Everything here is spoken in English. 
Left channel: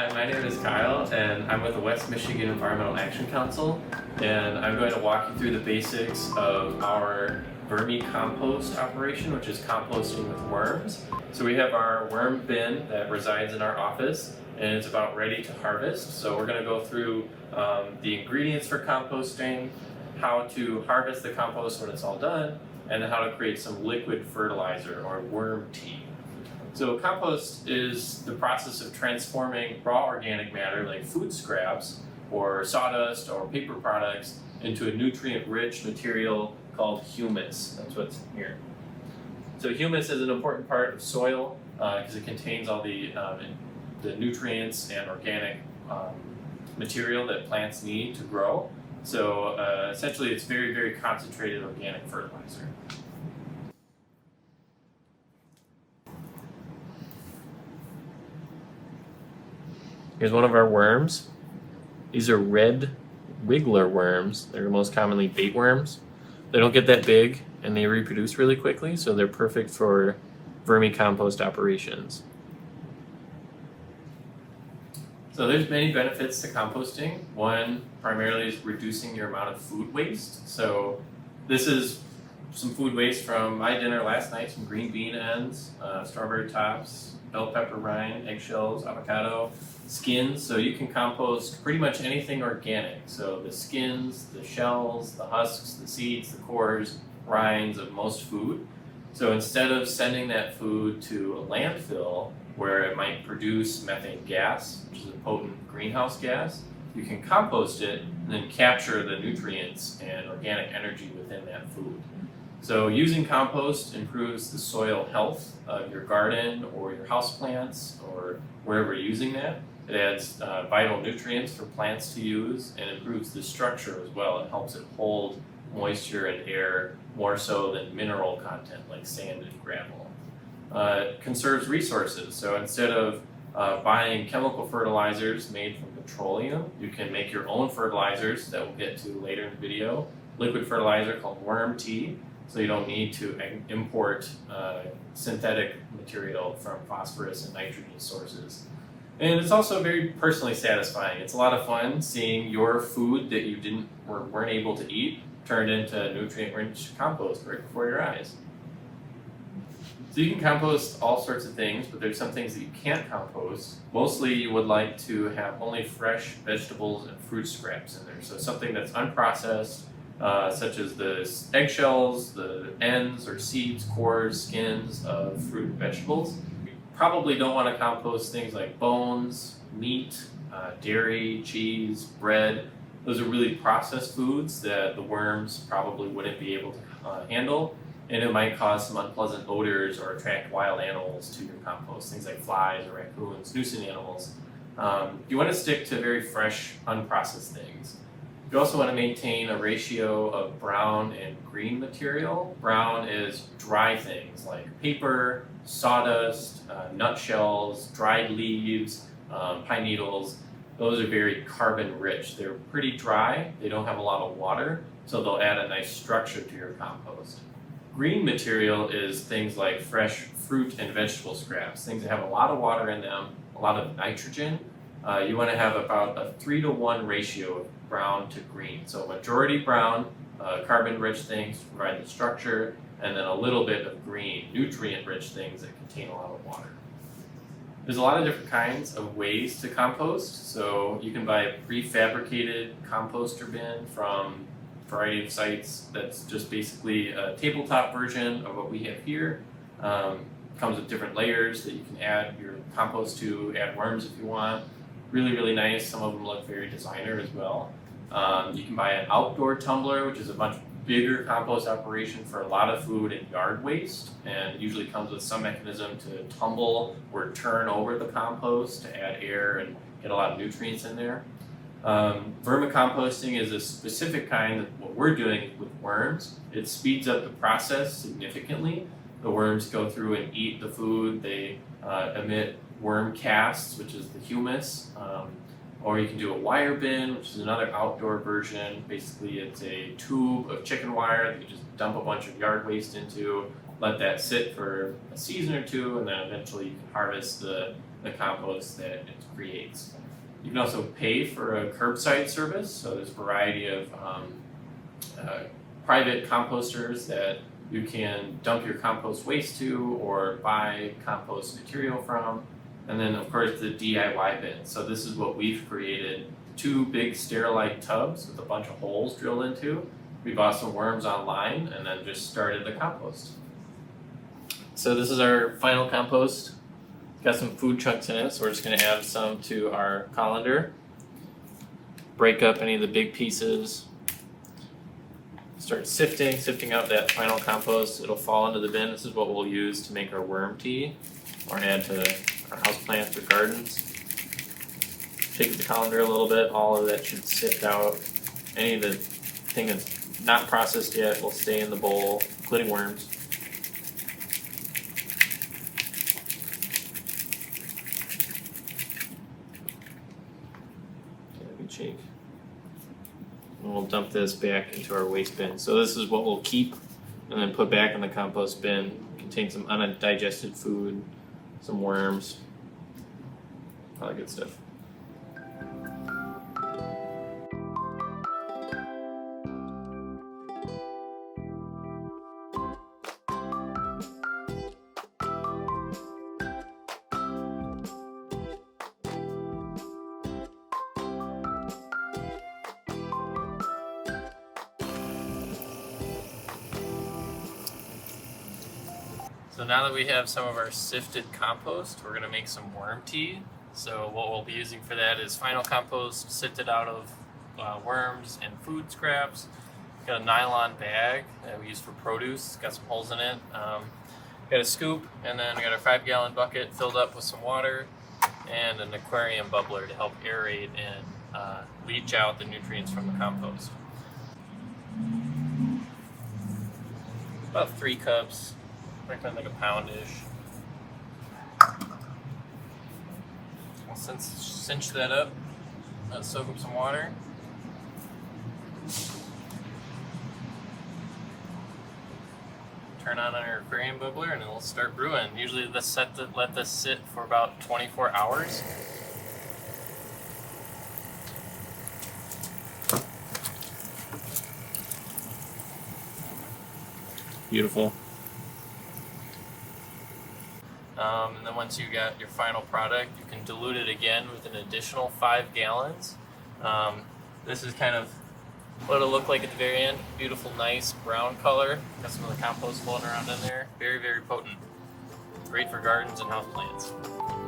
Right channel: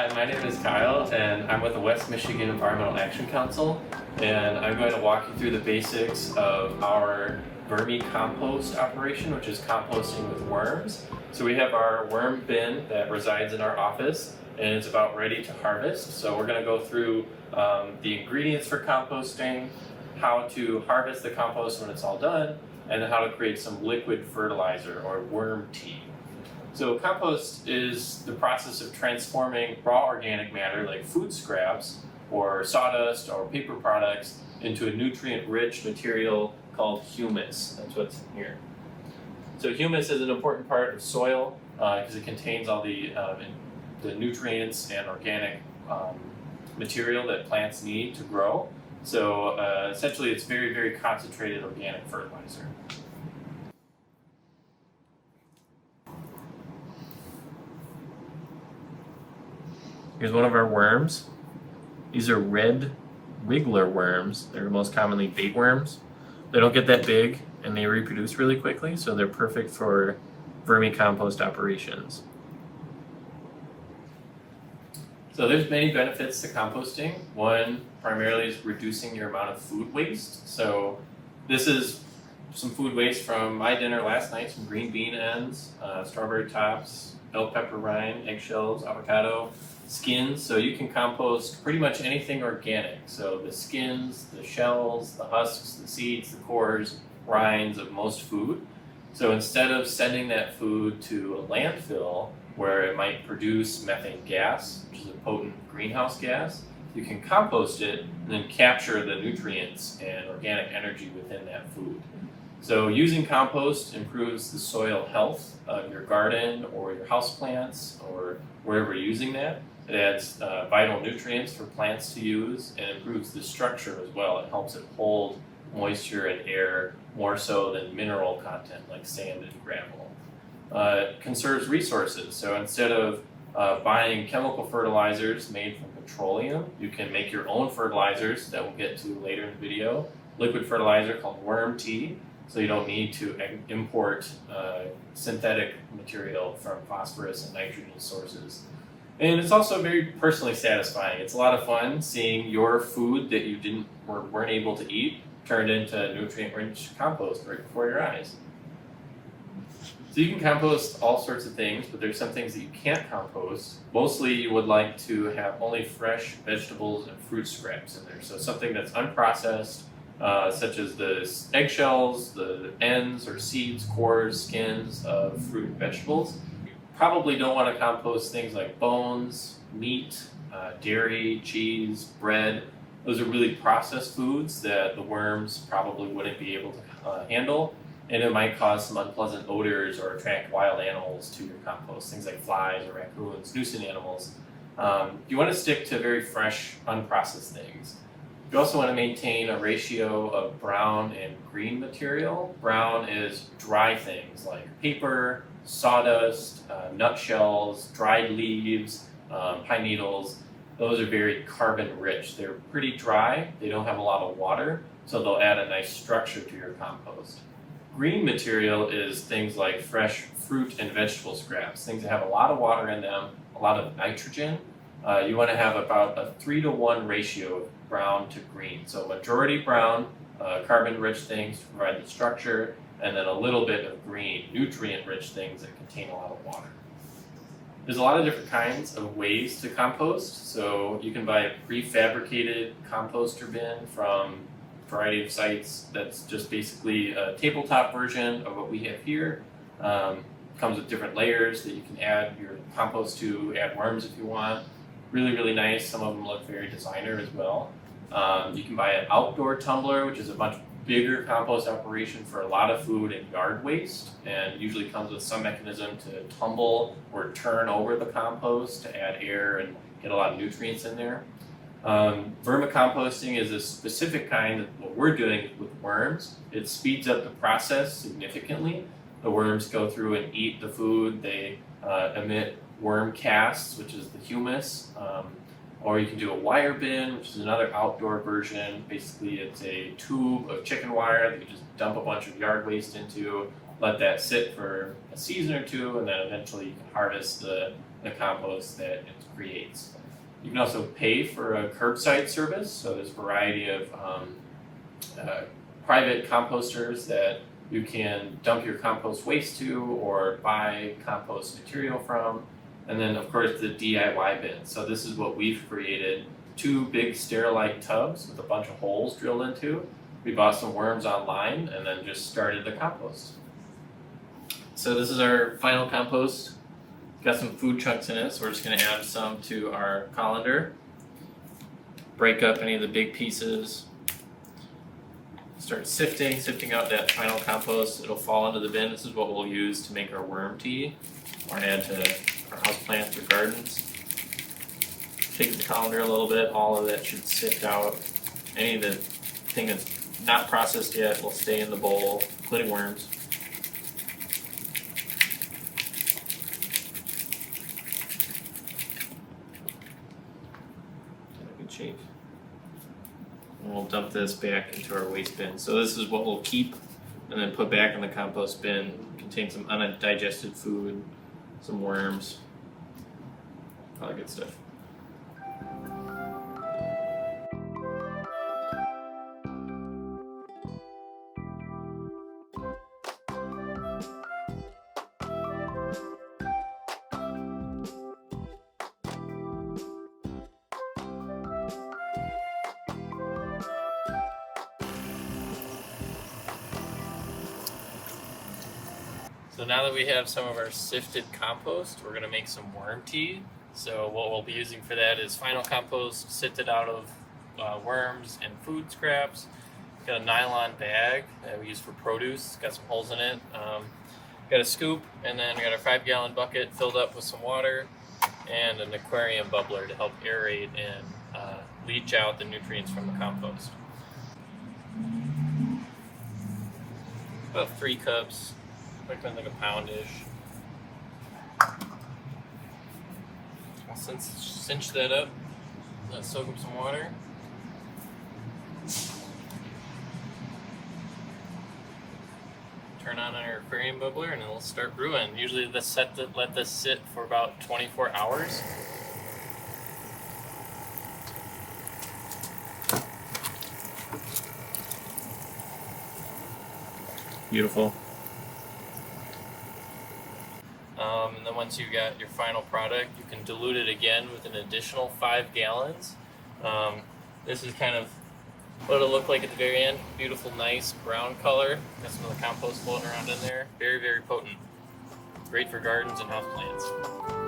Hi, my name is Kyle, and I'm with the West Michigan Environmental Action Council, and I'm going to walk you through the basics of our vermicompost operation, which is composting with worms. So we have our worm bin that resides in our office, and it's about ready to harvest. So we're going to go through the ingredients for composting, how to harvest the compost when it's all done, and then how to create some liquid fertilizer or worm tea. So compost is the process of transforming raw organic matter like food scraps or sawdust or paper products into a nutrient-rich material called humus. That's what's in here. So humus is an important part of soil because it contains all the nutrients and organic material that plants need to grow. So essentially it's very, very concentrated organic fertilizer. Here's one of our worms. These are red wiggler worms. They're most commonly bait worms. They don't get that big and they reproduce really quickly, so they're perfect for vermicompost operations. So there's many benefits to composting. One primarily is reducing your amount of food waste. So this is some food waste from my dinner last night, some green bean ends, strawberry tops, bell pepper rind, eggshells, avocado, skins. So you can compost pretty much anything organic. So the skins, the shells, the husks, the seeds, the cores, rinds of most food. So instead of sending that food to a landfill where it might produce methane gas, which is a potent greenhouse gas, you can compost it and then capture the nutrients and organic energy within that food. So using compost improves the soil health of your garden or your houseplants or wherever you're using that. It adds vital nutrients for plants to use and improves the structure as well. It helps it hold moisture and air more so than mineral content like sand and gravel. Conserves resources. So instead of buying chemical fertilizers made from petroleum, you can make your own fertilizers that we'll get to later in the video. Liquid fertilizer called worm tea. So you don't need to import synthetic material from phosphorus and nitrogen sources. And it's also very personally satisfying. It's a lot of fun seeing your food that you weren't able to eat turned into nutrient-rich compost right before your eyes. So you can compost all sorts of things, but there's some things that you can't compost. Mostly you would like to have only fresh vegetables and fruit scraps in there. So something that's unprocessed, such as the eggshells, the ends or seeds, cores, skins of fruit and vegetables. You probably don't want to compost things like bones, meat, dairy, cheese, bread. Those are really processed foods that the worms probably wouldn't be able to handle, and it might cause some unpleasant odors or attract wild animals to your compost, things like flies or raccoons, nuisance animals. You want to stick to very fresh, unprocessed things. You also want to maintain a ratio of brown and green material. Brown is dry things like paper, sawdust, nutshells, dried leaves, pine needles. Those are very carbon rich. They're pretty dry, they don't have a lot of water, so they'll add a nice structure to your compost. Green material is things like fresh fruit and vegetable scraps, things that have a lot of water in them, a lot of nitrogen. You want to have about a 3-to-1 ratio of brown to green. So majority brown, carbon-rich things to provide the structure, and then a little bit of green, nutrient-rich things that contain a lot of water. There's a lot of different kinds of ways to compost. So you can buy a prefabricated composter bin from a variety of sites that's just basically a tabletop version of what we have here. Comes with different layers that you can add your compost to, add worms if you want. Really, really nice. Some of them look very designer as well. You can buy an outdoor tumbler, which is a much bigger compost operation for a lot of food and yard waste, and usually comes with some mechanism to tumble or turn over the compost to add air and get a lot of nutrients in there. Vermicomposting is a specific kind of what we're doing with worms. It speeds up the process significantly. The worms go through and eat the food. They emit worm casts, which is the humus. Or you can do a wire bin, which is another outdoor version. Basically, it's a tube of chicken wire that you just dump a bunch of yard waste into, let that sit for a season or two, and then eventually you can harvest the the compost that it creates. You can also pay for a curbside service, so there's a variety of private composters that you can dump your compost waste to or buy compost material from. And then of course the DIY bin. So this is what we've created, 2 big Sterilite tubs with a bunch of holes drilled into. We bought some worms online and then just started the compost. So this is our final compost. Got some food chunks in it, so we're just going to add some to our colander. Break up any of the big pieces. Start sifting out that final compost. It'll fall into the bin. This is what we'll use to make our worm tea or add to our houseplants or gardens. Take the colander a little bit. All of that should sift out. Any of the thing that's not processed yet will stay in the bowl, including worms. Good shape. And we'll dump this back into our waste bin. So this is what we'll keep and then put back in the compost bin. It contains some undigested food, some worms, all that good stuff. So now that we have some of our sifted compost, we're going to make some worm tea. So what we'll be using for that is final compost sifted out of worms and food scraps. Got a nylon bag that we use for produce. It's got some holes in it. Got a scoop, and then we got our 5-gallon bucket filled up with some water and an aquarium bubbler to help aerate and leach out the nutrients from the compost. About 3 cups. Like a poundish. I'll cinch that up. Let's soak up some water. Turn on our aquarium bubbler and it'll start brewing. Usually let this sit for about 24 hours. Beautiful. And then once you got your final product, you can dilute it again with an additional 5 gallons. This is kind of what it'll look like at the very end. Beautiful, nice brown color. Got some of the compost floating around in there. Very, very potent. Great for gardens and houseplants.